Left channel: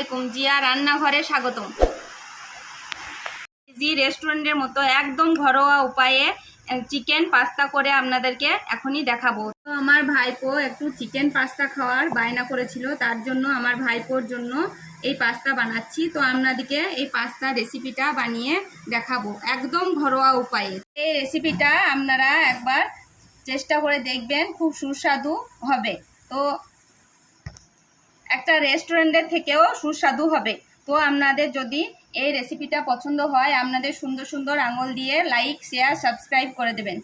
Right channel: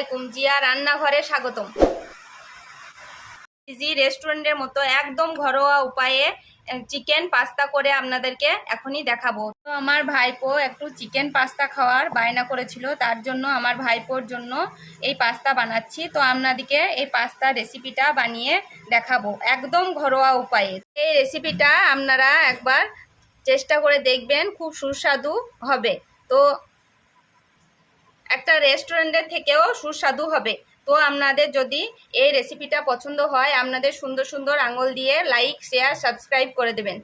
আলাইকুম, জিয়া রান্নাঘরে স্বাগতম। ইজি রেস্টুরেন্টের মতো একদম ঘরোয়া উপায়ে চিকেন পাস্তা করে আপনাদেরকে এখনই দেখাবো। তো আমার ভাইপো একটু চিকেন পাস্তা খাওয়ার বায়না করেছিল, তার জন্য আমার ভাইপোর জন্য এই পাস্তা বানাচ্ছি। তো আপনাদেরকে এই পাস্তা রেসিপিটা বানিয়ে দেখাবো একদম ঘরোয়া উপায়ে। এই রেসিপিটা আপনারা একবার চেষ্টা করে দেখবেন, খুব সুস্বাদু হবে। তো একটা রেস্টুরেন্টের থেকেও সুস্বাদু হবে। তো আপনাদের যদি এই রেসিপিটা পছন্দ হয়, আপনাদের সুন্দর সুন্দর আঙুল দিয়ে লাইক, শেয়ার, সাবস্ক্রাইব করে দেবেন।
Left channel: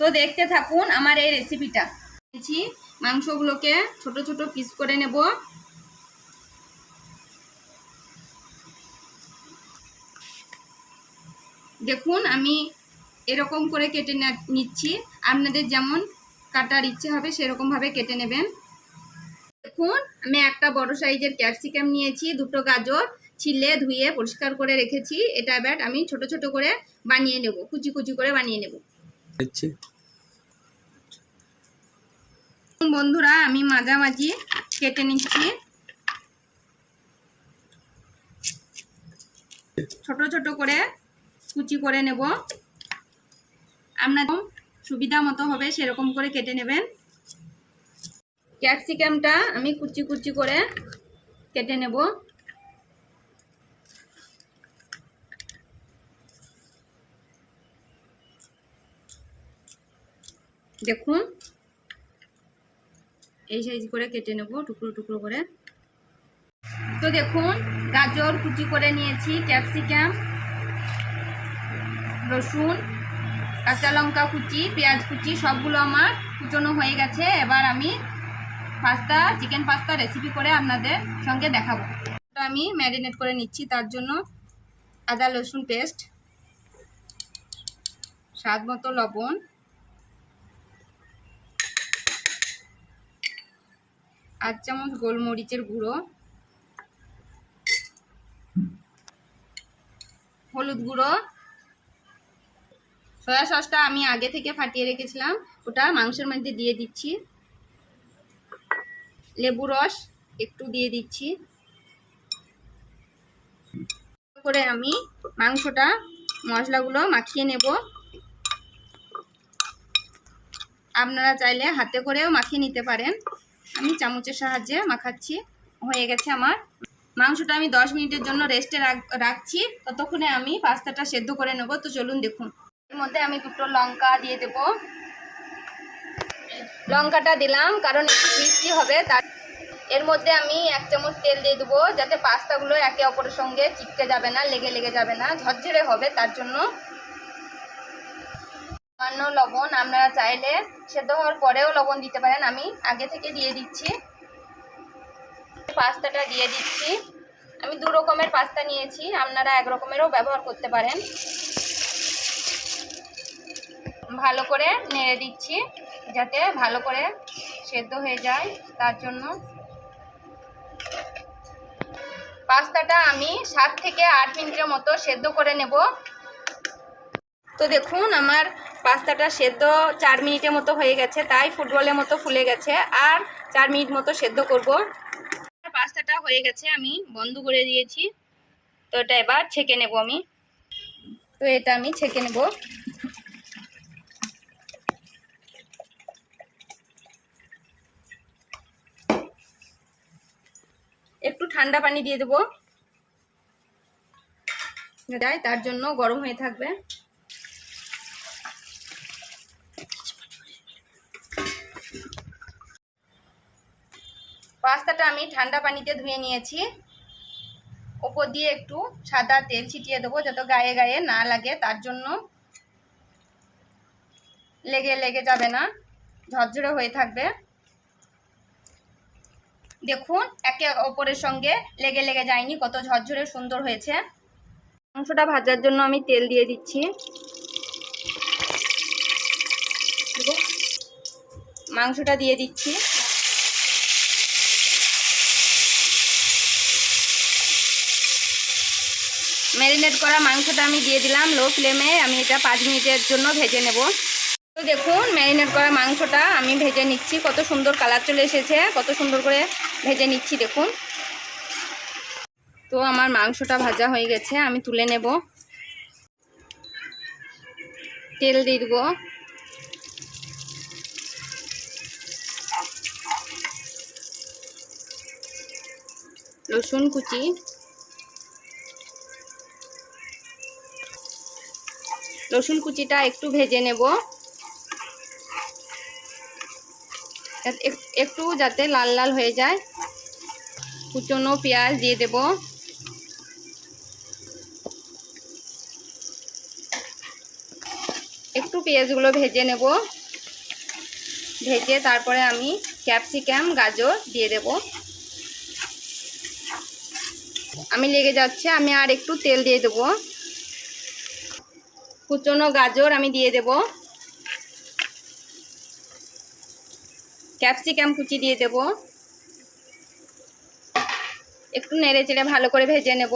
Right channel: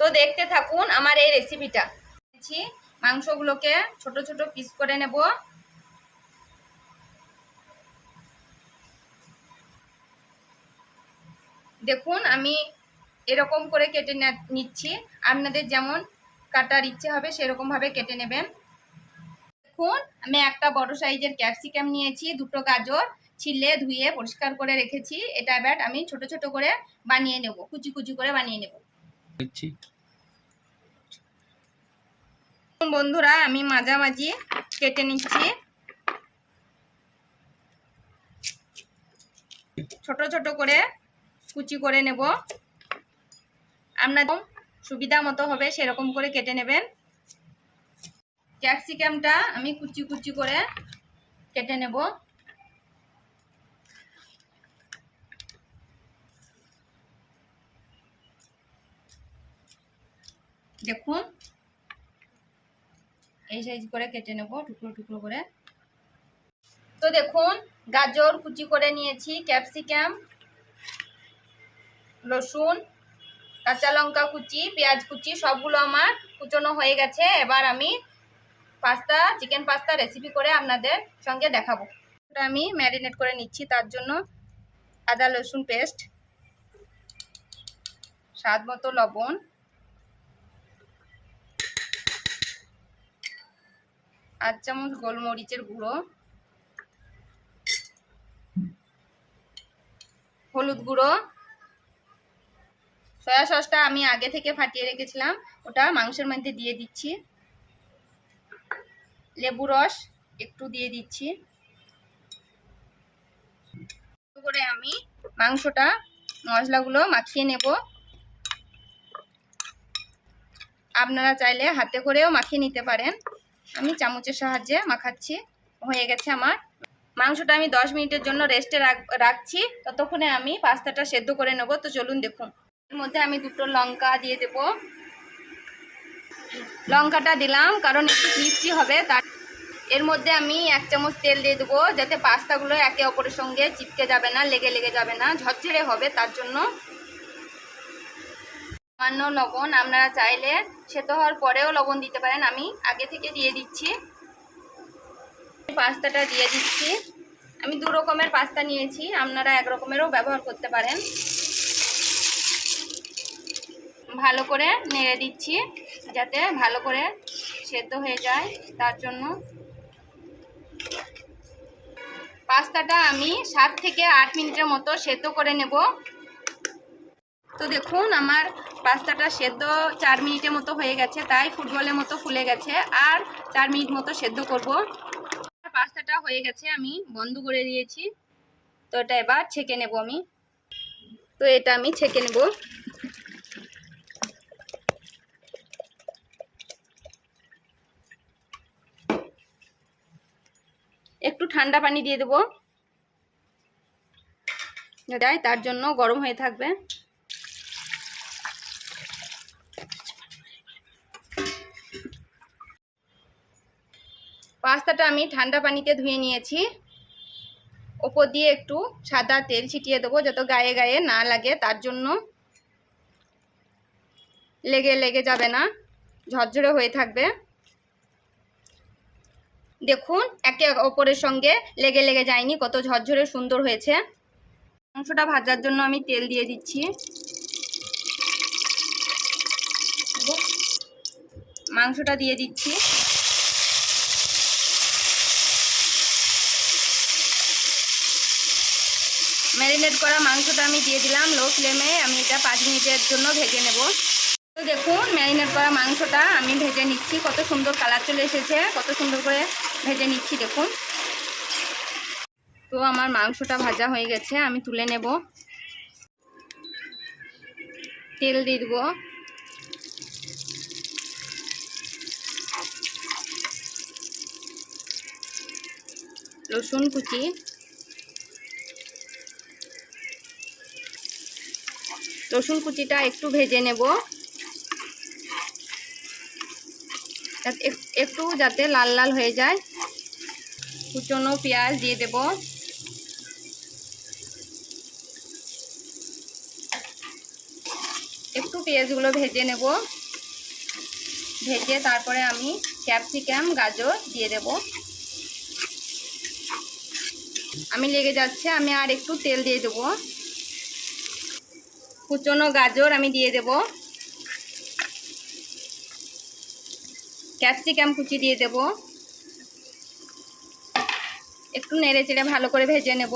তো দেখতে থাকুন আমার এই রেসিপিটা। মাংসগুলোকে ছোট ছোট পিস করে নেব। দেখুন আমি এরকম করে কেটে নিচ্ছি, আপনাদের যেমন কাটার ইচ্ছে হবে সেরকমভাবে কেটে নেবেন। দেখুন আমি একটা বড় সাইজের ক্যাপসিকাম নিয়েছি, দুটো গাজর ছিলে ধুয়ে পরিষ্কার করে রেখেছি। এটা এবার আমি ছোট ছোট করে বানিয়ে নেব, কুচি কুচি করে বানিয়ে নেব। বন্ধুরা আমি মাঝামাঝি কেটে নিচ্ছি, ছোট ছোট করে কুচি করে নেব। আপনাদের সুবিধা মতো হবে সেরকম করে কেটে নেবেন। ক্যাপসিকামটা আমি কুচি কুচি করে কেটে নেব। দেখুন এই সাইজ করে কেটে নেব, টুকরো টুকরো করে। তো দেখুন গাজর কুচি করে নিয়েছি, ক্যাপসিকাম, রসুন, কাঁচা লঙ্কা কুচি, পেঁয়াজ কুচি সবগুলো আমার কুচনো হয়ে গেছে। এবার আমি চিকেন পাস্তা রেসিপি করে আপনাদের সঙ্গে দেখাবো। আমি ম্যারিনেট করে নিচ্ছি, তার জন্য আদা রসুন পেস্ট, স্বাদ মতো লবণ, আধ চামচ গোলমরিচের গুঁড়ো, হলুদ গুঁড়ো, সয়া সসটা আমি আগে থেকে ফাটিয়ে রেখেছিলাম, ওটা মাংসের মধ্যে দিয়ে দিচ্ছি। লেবু রস একটু দিয়ে দিচ্ছি। করে আমি মাংসটা মশলাগুলো মাখিয়ে নেব। আপনারা চাইলে হাতে করেও মাখিয়ে নিতে পারেন, আমি চামচের সাহায্যে মাখাচ্ছি। হয়ে গেছে আমার মাংসটা, আমি 10 মিনিটের জন্য রেস্টে রাখছি। ততক্ষণে আমি পাস্তাটা সেদ্ধ করে নেব। তো চলুন দেখুন। এর মধ্যে আমি দুটো লঙ্কা দিয়ে দেব। লঙ্কাটা দিলাম কারণ একটু ক্রিস্পি হবে। তার এর মধ্যে আমি 1 চামচ তেল দিয়ে দেবো, যাতে পাস্তাগুলো একে অপরের সঙ্গে চিপকে যাবে না, লেগে যাবে না, ঝরঝরে হবে। তার জন্য সামান্য লবণ, আপনারা চাইলে সেদ্ধ হওয়ার পরেও লবণ দিতে পারেন, আমি আগে থেকে দিয়ে দিচ্ছি। পাস্তাটা দিয়ে দিচ্ছি। আমি 2 রকমের পাস্তা নিয়েছি, আপনারা 1 রকমেরও ব্যবহার করতে পারেন। ভালো করে নেড়ে দিচ্ছি যাতে ভালো করে সেদ্ধ হয়ে যায়। তার জন্য পাস্তাটা আমি 7 থেকে 8 মিনিটের মতো সেদ্ধ করে নেব। তো দেখুন আমার পাস্তাটা সেদ্ধ 4 মিনিটের মতো হয়ে গেছে, তাই ফুটবলের মতো ফুলে গেছে। আর 4 মিনিট মতো সেদ্ধ করব। পাস্তাটা হয়ে গেছে, আমি বন্ধ করে দিয়েছি। তো এটা এবার ছেঁকে নেব আমি। তো এটা আমি ছেঁকে নেব। একটু ঠান্ডা পানি দিয়ে দেবো, তার জন্য গরম হয়ে থাকবে। পাস্তাটা আমি ঠান্ডা পানিতে ধুয়ে নিয়েছি। ওপর দিয়ে একটু সাদা তেল ছিটিয়ে দেবো, যত গায়ে গায়ে না লাগে। তার জন্য লেগে যাবে না, ঝরঝরে হয়ে থাকবে। দেখুন একে অপরের সঙ্গে লেগে যায়নি, কত ঝরঝরে সুন্দর হয়েছে। মাংসটা ভাজার জন্য আমি তেল দিয়ে দিচ্ছি। মাংসটা দিয়ে দিচ্ছি। ম্যারিনেট করা মাংসটা আমি দিয়ে দিলাম। লো ফ্লেমে আমি এটা 5 মিনিটের জন্য ভেজে নেব। তো দেখুন ম্যারিনেট করা মাংসটা আমি ভেজে নিচ্ছি, কত সুন্দর কালার চলে এসেছে, কত সুন্দর করে ভেজে নিচ্ছি। দেখুন তো আমার মাংসটা ভাজা হয়ে গেছে, আমি তুলে নেব। তেল দিয়ে দেবো, রসুন কুচি, রসুন কুচিটা একটু ভেজে নেব, একটু যাতে লাল লাল হয়ে যায়। কুচনো পেঁয়াজ দিয়ে দেব, একটু পেঁয়াজগুলো ভেজে নেব। ভেজে তারপরে আমি ক্যাপসিকাম গাজর দিয়ে দেব। আমি লেগে যাচ্ছে, আমি আর একটু তেল দিয়ে দেব। কুচনো গাজর আমি দিয়ে দেব, ক্যাপসিকাম কুচি দিয়ে দেব, একটু নেড়ে চেড়ে ভালো করে ভেজে নেব।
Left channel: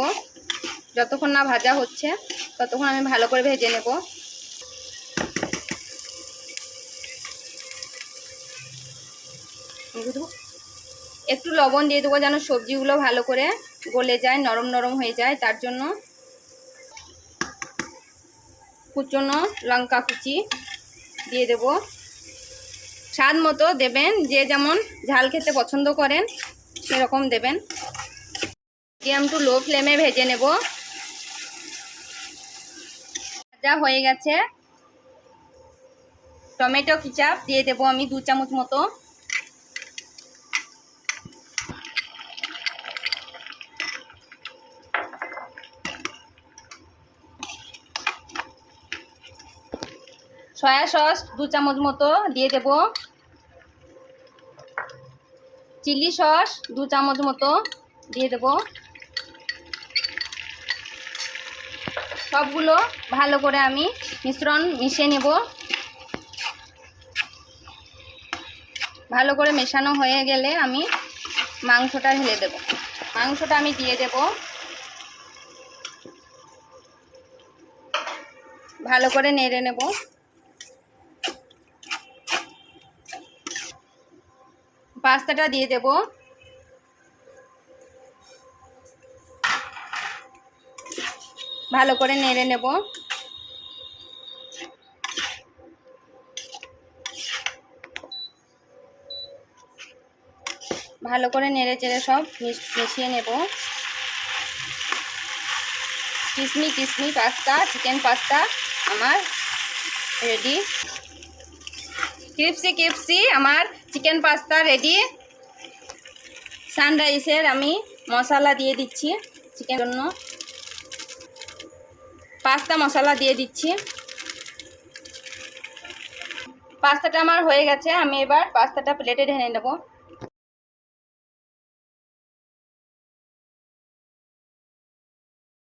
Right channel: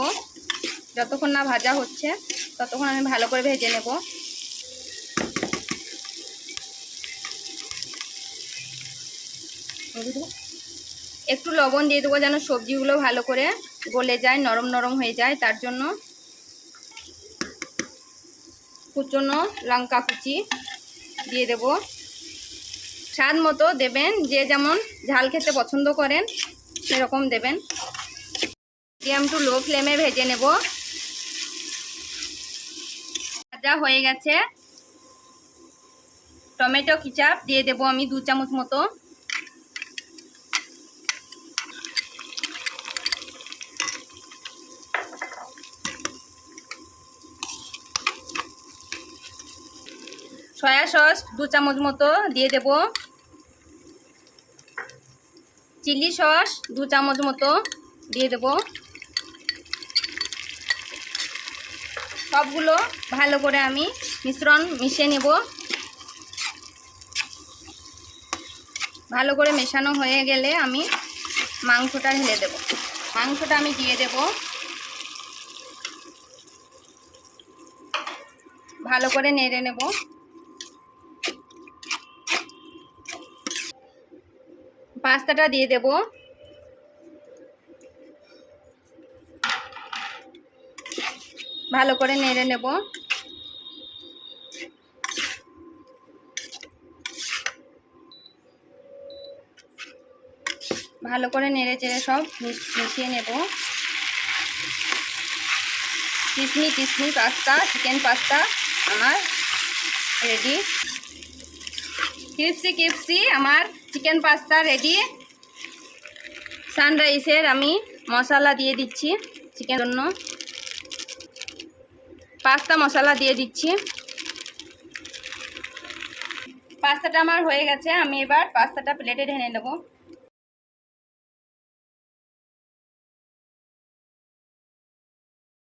যতক্ষণ না ভাজা হচ্ছে ততক্ষণ আমি ভালো করে ভেজে নেব। একটু লবণ দিয়ে দেবো যেন সবজিগুলো ভালো করে গলে যায়, নরম নরম হয়ে যায়, তার জন্য। কুচনো লঙ্কা কুচি দিয়ে দেব, স্বাদ মতো দেবেন, যে যেমন ঝাল খেতে পছন্দ করেন সেরকম দেবেন। মিডিয়াম টু লো ফ্লেমে ভেজে নেব। ভাজা হয়ে গেছে। টমেটো কেচাপ দিয়ে দেব আমি 2 চামচ মতো। সয়া সস 2 চামচ মতো দিয়ে দেব। চিলি সস 2 চামচ মতো দিয়ে দেব। সবগুলো ভালো করে আমি মিশ্রণ মিশিয়ে নেব। ভালো করে মেশানো হয়ে গেলে আমি মাংসটা ঢেলে দেব। মাংসটা আমি দিয়ে দেব, ভালো করে নেড়ে নেব। পাস্তাটা দিয়ে দেব, ভালো করে নেড়ে নেব। ভালো করে নেড়ে চেড়ে সব মিশিয়ে নেব। কিসমি কিসমি পাস্তা, চিকেন পাস্তা আমার রেডি। ক্রিপসি ক্রিপসি আমার চিকেন পাস্তা রেডি। সানরাইসের আমি মশলা দিয়ে দিচ্ছি, চিকেন জন্য পাস্তা মশলা দিয়ে দিচ্ছি। পাস্তাটা আমার হয়ে গেছে, আমি এবার পাস্তাটা প্লেটে ঢেলে নেব।